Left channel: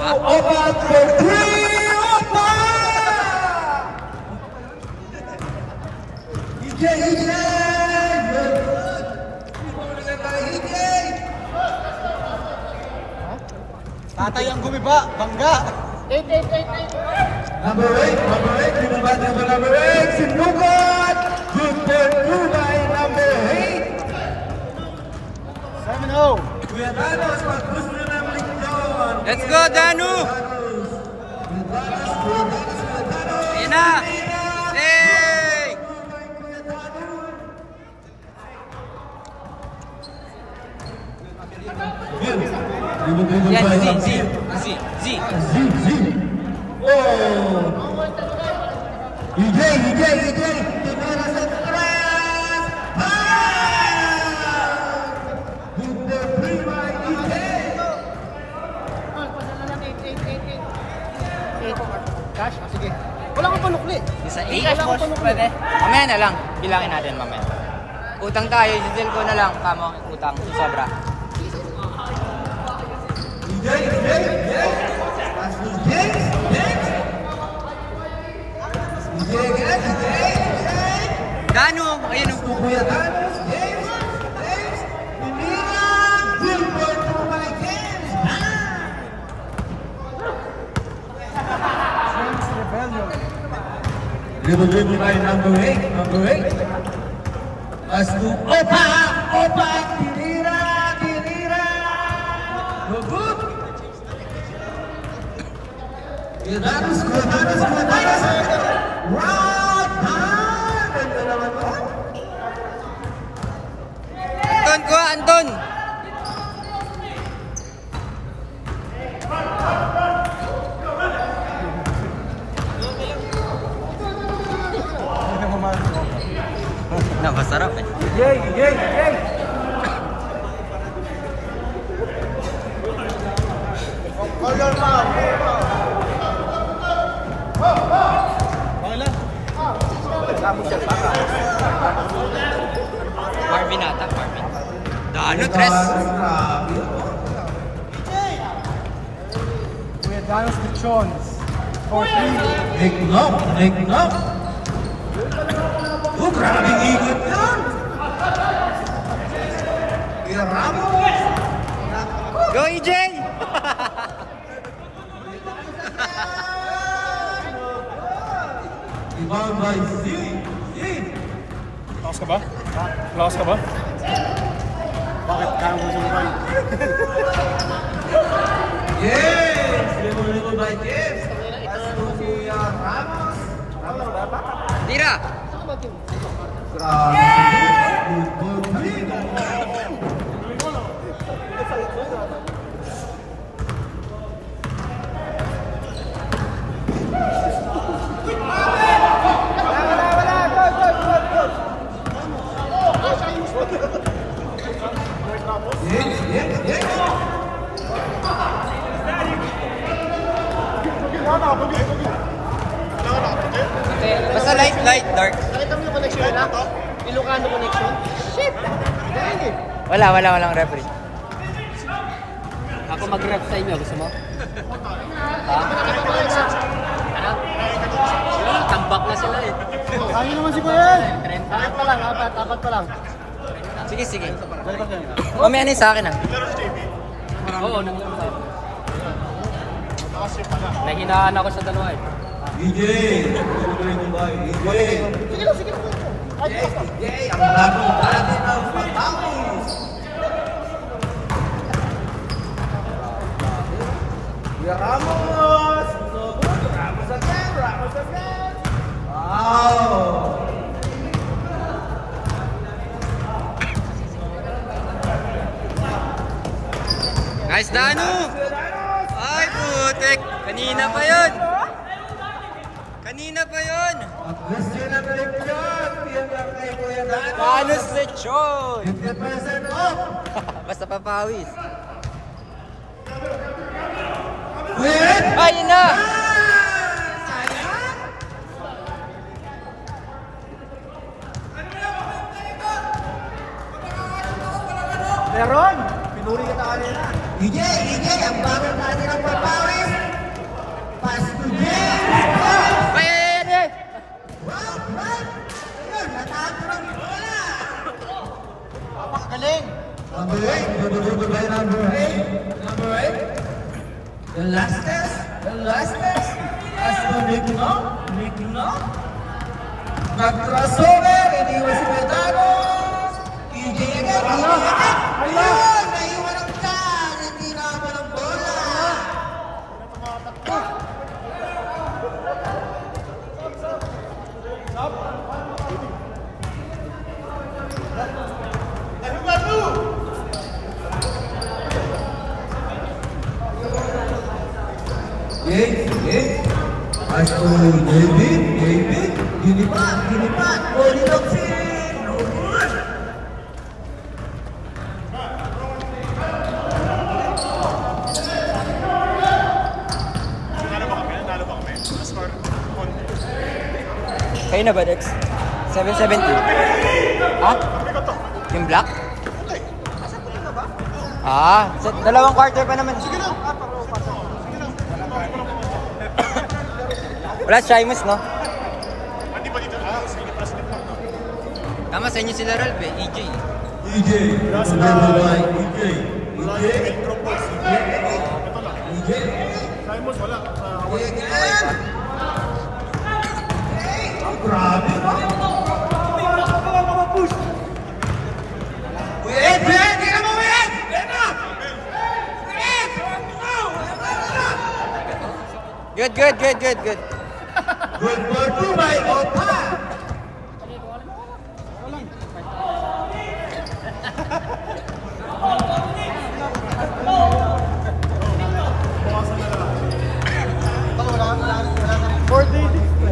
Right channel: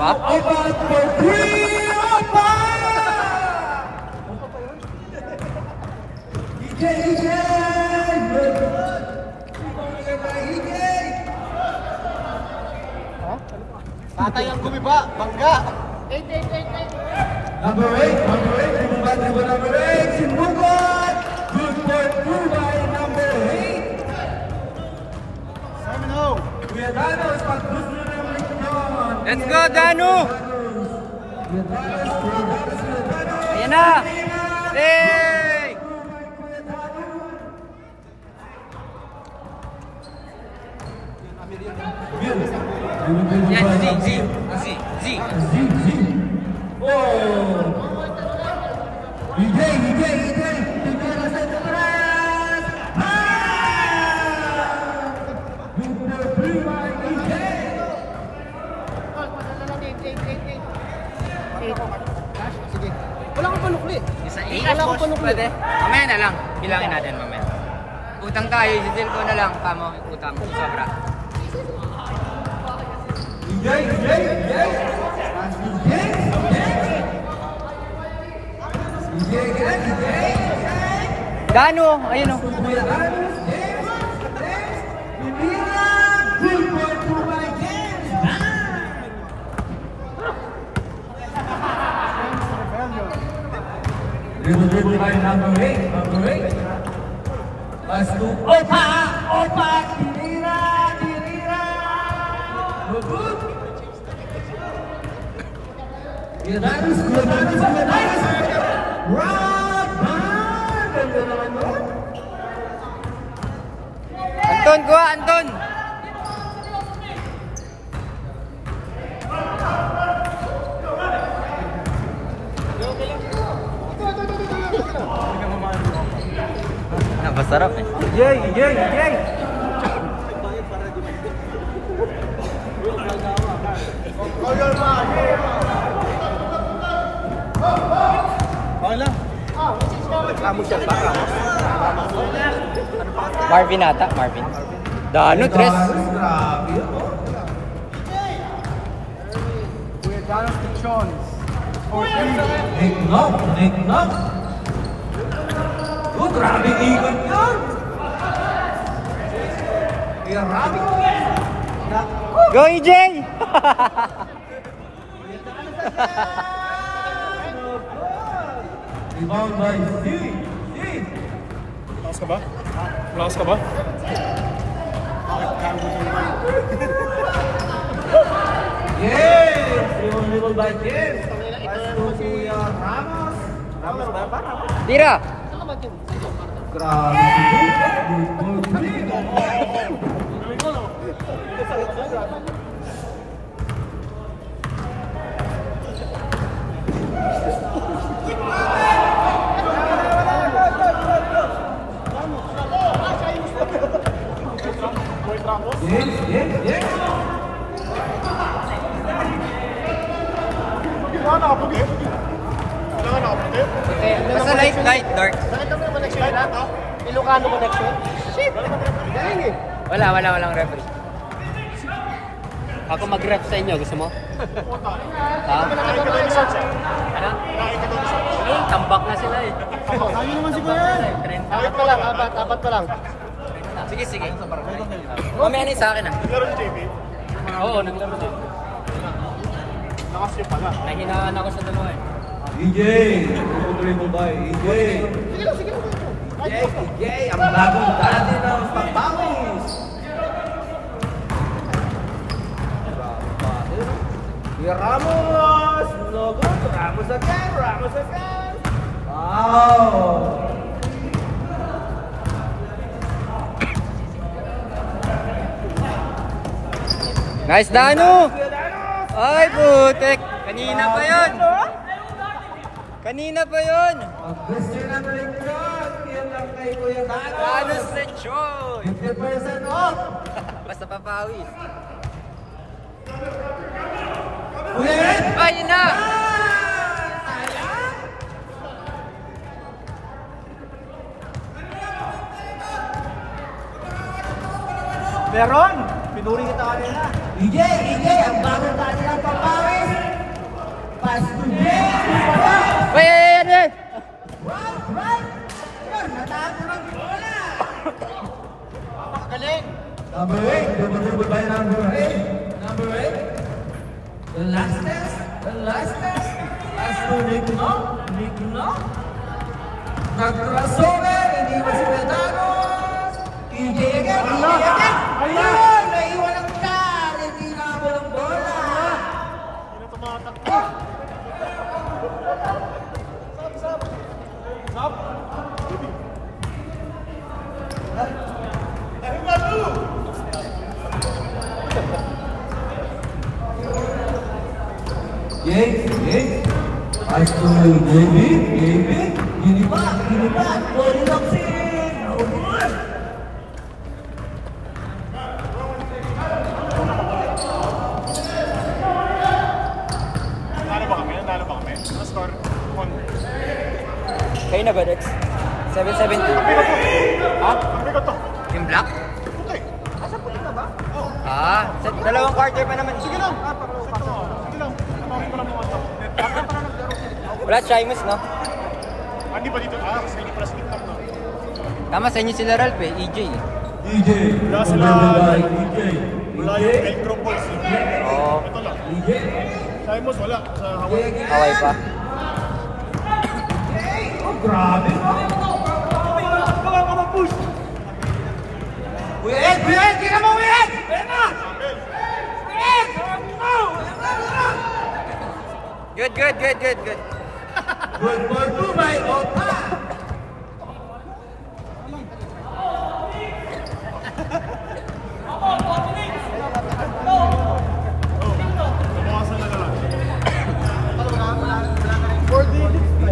ba? Tatay ang gumiba, bangga. Number 8, gumiba number 8, si Mukot. Good point po by number 8. Simon Ho. Kuya Danos, pag-gusto nyo ng leksyon. Let's go, Danu! Ayan na! Hey! Yan, Z. Oh! EJ! Tigara sa tres! Number 3 by EJ! Cash? Sige. Wala kang panukli. Sa i-cash boss, pwede? Mamaya na lang. Bilangin natin mamaya. Utang tayo, detail ko na lang. Kamo, utang. Sobra. Danu, ayun o. Kuya Danos, James, Pimira, 3.2 by James. Little by number 8. Let's go. Opa, Pimira. Good. Kuya Danos. Round 5. Ganda naman mo. Anton, kuha, Anton. Napasarap eh. Yay. Marvin ata, Marvin. Danu, tres. Nick knock. Oh, grabe ikot yun. Go, EJ! Lakas ka ba? Yes! Little by James. Ito si Ramos. Tira! Okay, basta light, dark. Walang referee. Ako mag-ref sa inyo, gusto mo? Tambak na sila eh. Ayun naman si Kuya. Dapat pa lang. Sige. Oh, may ano sa akin ah. Oo. Nahinaan ako sa dalawa eh. EJ! Ang labang pati ng Pangis! Kuya Ramos! Ramos again! Wow! Nice, Danu! Ay, putek! Kanina pa yun! Question ng breakdown! Yan lang kay Kuya Ramos! Danu's lechon! 50% off! Basta papawis. Kuya Ed! Ayun na! Sayang! Meron! EJ, ang gamit natin ang papawis. Pass to James. Ay! Wow! Yun, natapos ang bola. Galing. Number 8. Number 8. The last test. Pass to Nick Knock. Nag-crossover, iniwan si Bernardo. EJ again. Ayun, naiwan ang dyan. Hindi nakabal ang bola. Game. Pass to David. Gini pa. Body lock sin. No good. Kayo na ba, Dex? 770. Yung black? Dalawang quarter pa naman. Sige lang. Wala Chimus, no? Hindi pa dito. Tama sa inyo sila Ralph eh, EJ. Number 9, EJ. Simons wala. Grabe. Wait! Tira mo, wait! Pena! Wait! Good. Good for 2 by Opa.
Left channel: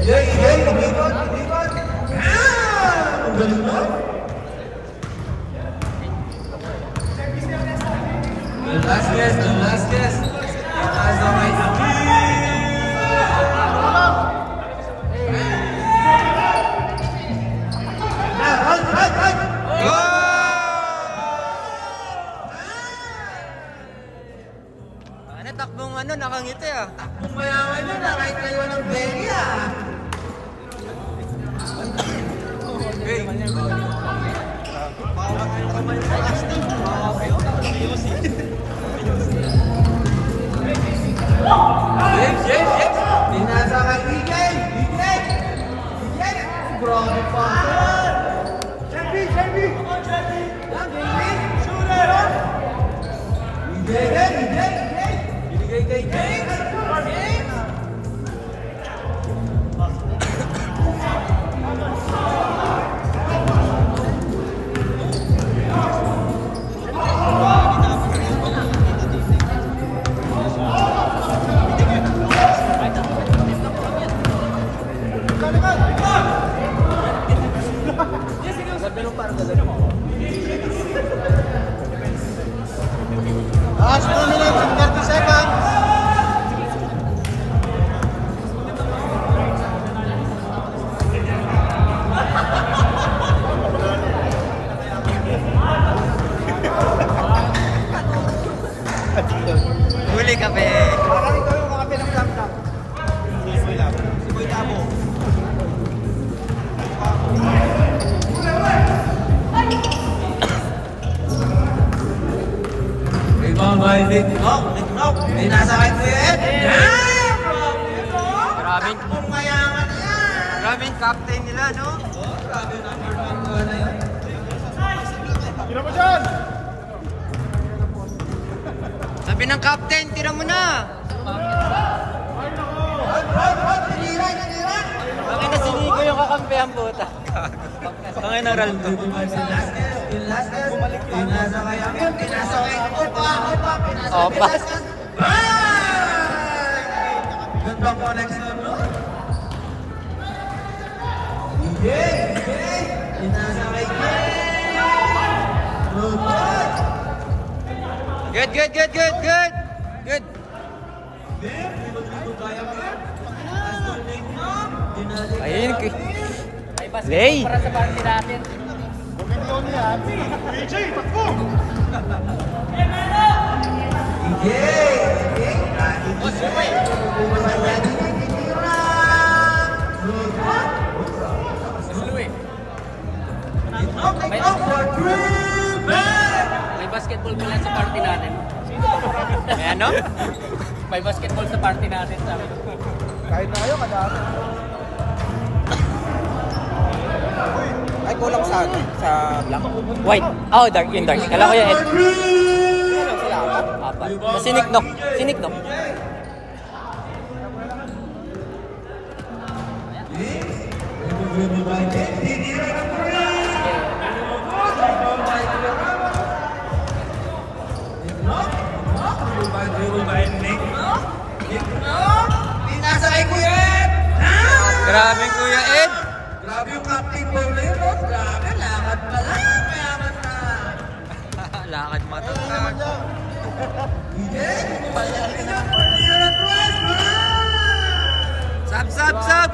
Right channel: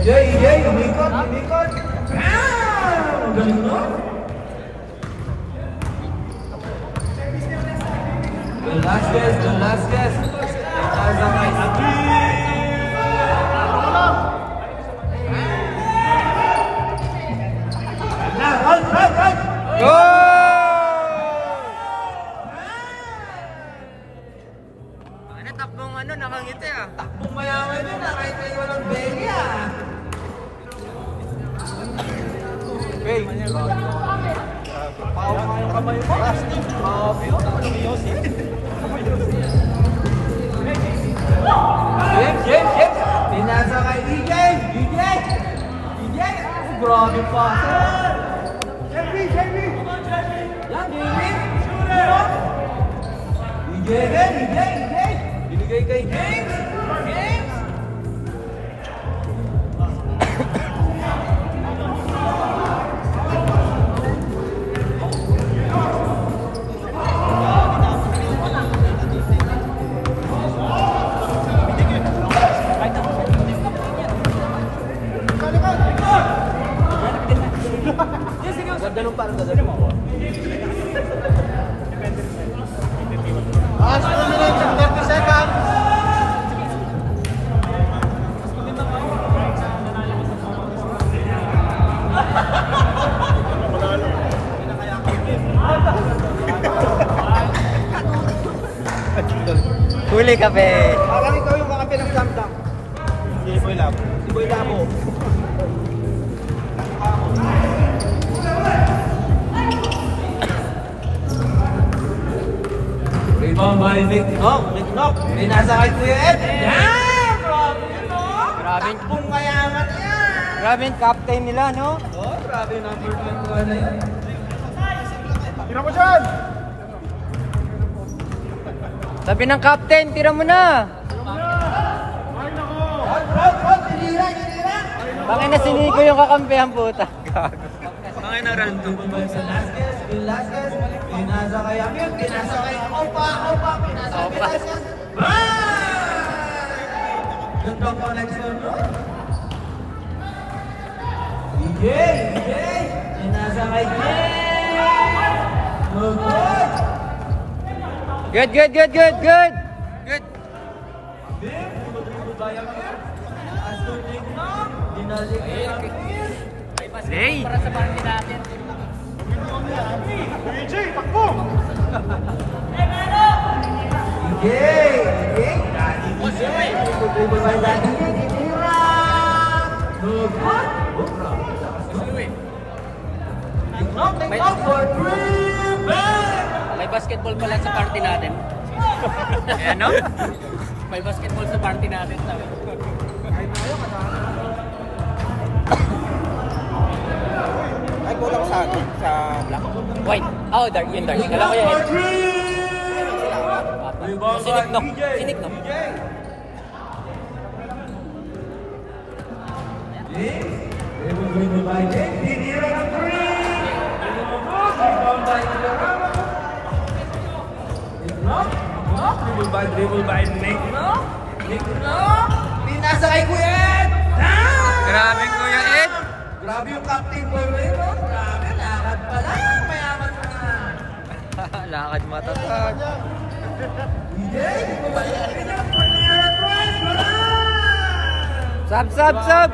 EJ, umikot. Ang galing mo. The last guess. Nasa may takbong nakangiti ah. Takbong mayaman yun kahit kayo ng Belia. Hey, Pao nga yung kamay mo. Grabe yun. Pinasa kay EJ. Grabe pa. Jeremy. EJ. James. Huli ka, be. Rebound by Nick Knock. Sinasa kay Kuya Ed. Grabe yung captain nila, no? Tira mo dyan! Sabi ng captain, tira mo na! Bakit na sinigo yung kakampihan, puta? Bakit na Raldo? Pinasa kay Amir. Pinasa kay Opa. Opa. Gandang connection, no? EJ. Pinasa kay Good. Lay! EJ, takbo! May basketball pala sa party natin. Ano? May basketball sa party natin. Kahit tayo, madami. Ay, kulang sa White. Oh, dark. Yung dark. Alam ko yun. Sinik no. Sinik no. Pinasa kay Kuya Ed! Grabe Kuya Ed. Grabe yung captain mo ngayon. Grabe, lakad pala. Mayaman na. Lakad matatag. Sab.